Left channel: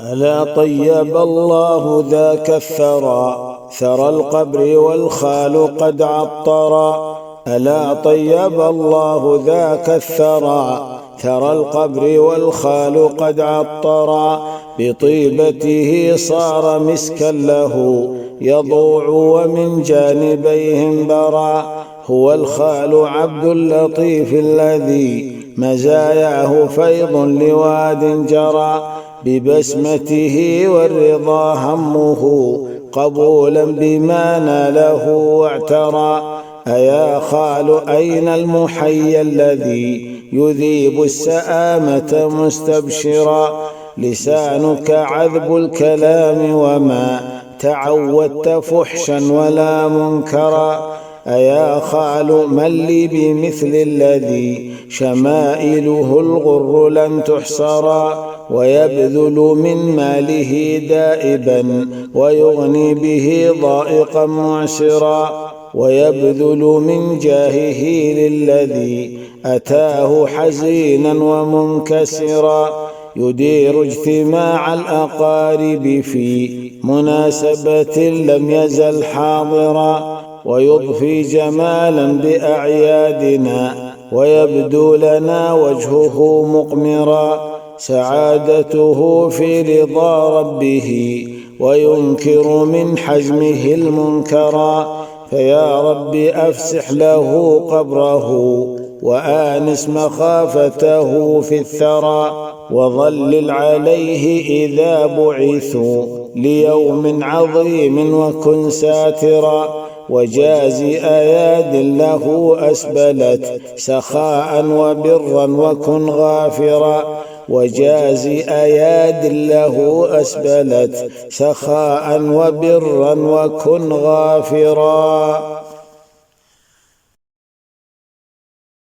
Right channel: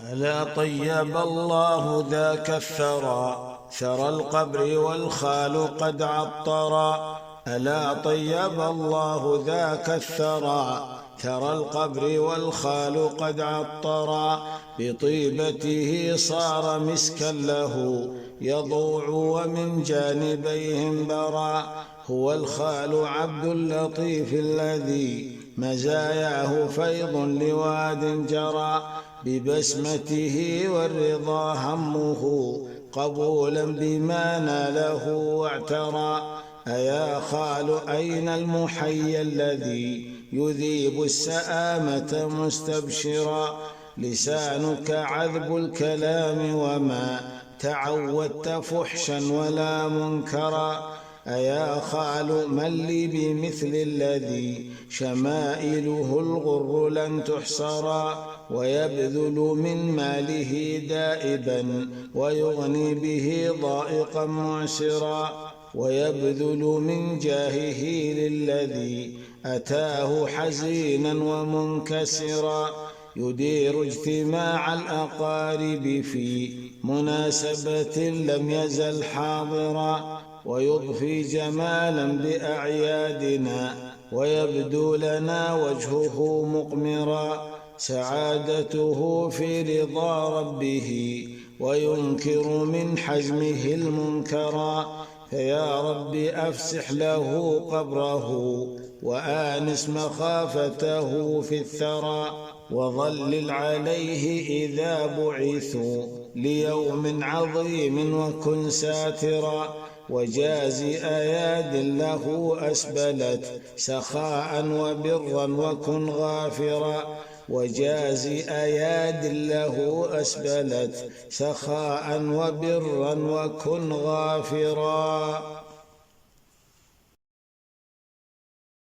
ألا طيب الله ذاك الثرى، ثرى القبر والخال قد عطرا. ألا طيب الله ذاك الثرى، ثرى القبر والخال قد عطرا. بطيبته صار مسكا له يضوع ومن جانبيه برا. هو الخال عبد اللطيف الذي مزاياه فيض لواد جرى. ببسمته والرضا همه قبولا بما ناله واعترى. أيا خال أين المحيي الذي يذيب السآمة مستبشرا. لسانك عذب الكلام وما تعودت فحشا ولا منكرا. أيا خال من لي بمثل الذي شمائله الغر لن تحصرا. ويبذل من ماله دائبا ويغني به ضائقا معسرا. ويبذل من جاهه للذي أتاه حزينا ومنكسرا. يدير اجتماع الأقارب في مناسبة لم يزل حاضرا. ويضفي جمالا بأعيادنا ويبدو لنا وجهه مقمرا. سعادته في رضا ربه وينكر من حزمه المنكرا. فيا رب أفسح له قبره وآنس مخافته في الثرى. وظلل عليه إذا بعثوا ليوم عظيم وكن ساترا. وجاز أياد له أسبلت سخاء وبرا وكن غافرا. وجاز أياد له أسبلت سخاء وبرا وكن غافرا.